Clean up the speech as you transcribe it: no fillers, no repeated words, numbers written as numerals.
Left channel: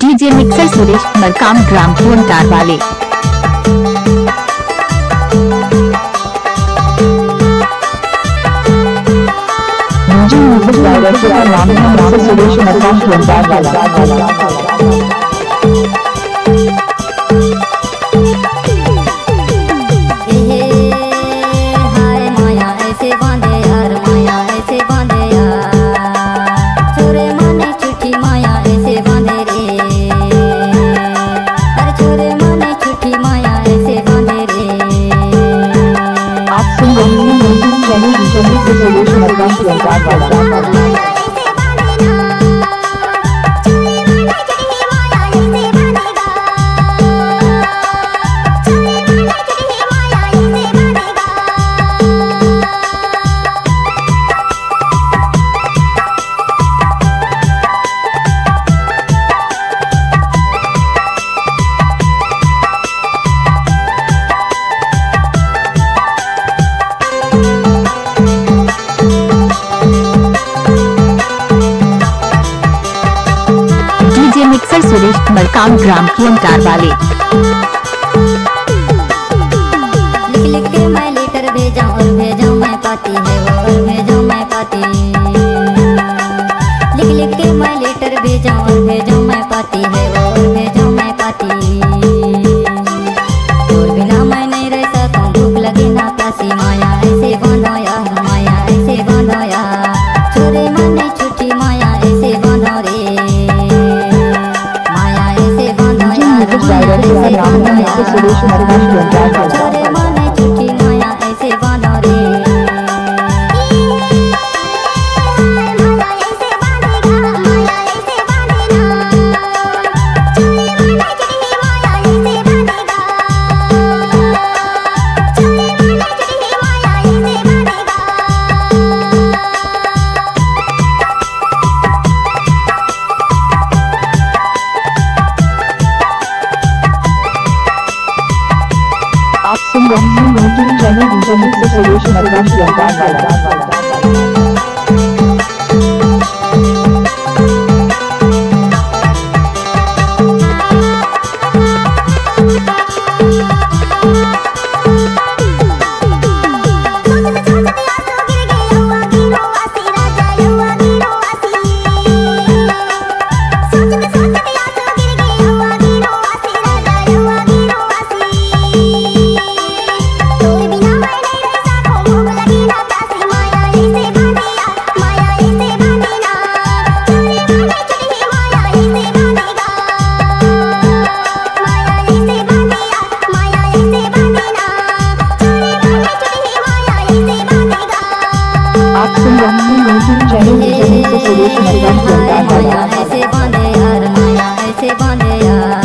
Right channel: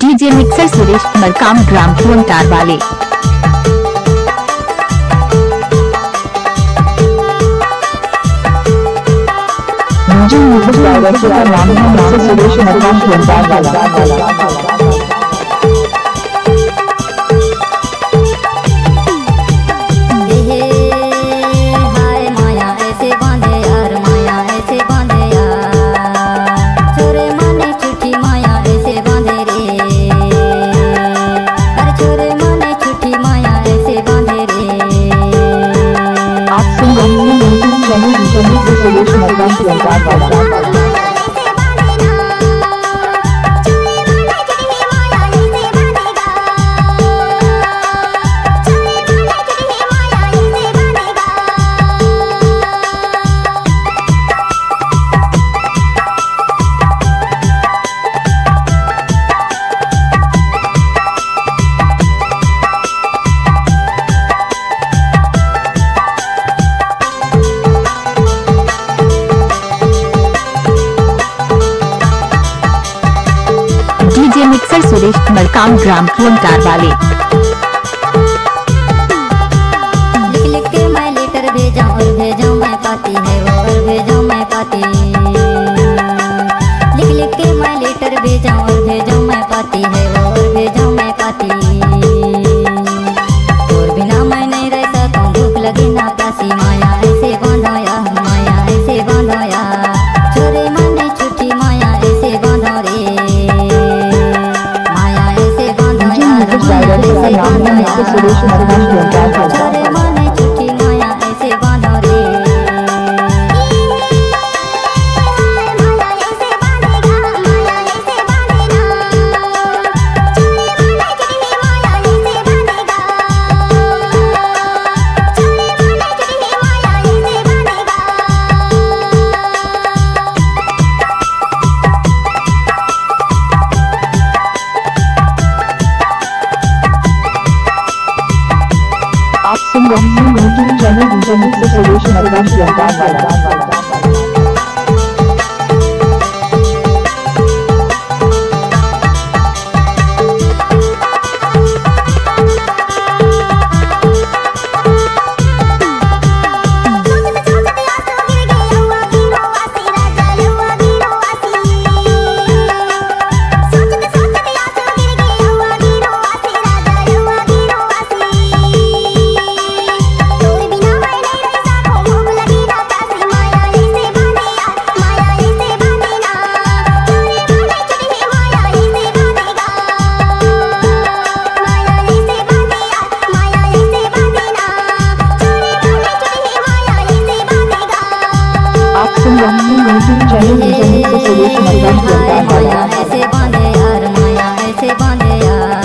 DJ mixer Suresh Markam ग्राम phone तार वाले। DJ music director का नाम है मिक्सर सुरेश मरकाम फोन तार वाला। आप सुन रहे हैं YouTube channel DJ mixer Suresh Markam phone तार वाला। डीजे मिक्सर सुरेश मरकाम ग्राम फोन तार वाले। लिख लिख के मैं लेटर भेजा और भेजा मैं पाती है और भेजा मैं पाती। लिख लिख के मैं लेटर भेजा और भेजा मैं पाती है और भेजा मैं पाती। और बिना मैं नहीं रह सकूं, भूख लगे ना प्यासी, माया ऐसे बांधोया, माया ऐसे बांधोया। छोरे मन छुट्टी माया ऐसे बांधो रे, डायरेक्टर का नाम है मिक्सर सुरेश मरकाम फोन तार वाला। छोरे माने छुट्टी माया ऐसे बांधो रे। आप सुन रहे हैं YouTube channel DJ mixer Suresh Markam phone तार वाला। आप सुन रहे हैं YouTube channel DJ mixer Suresh Markam phone तार वाला। ऐसे बांधे यार, माया ऐसे बांधे यार।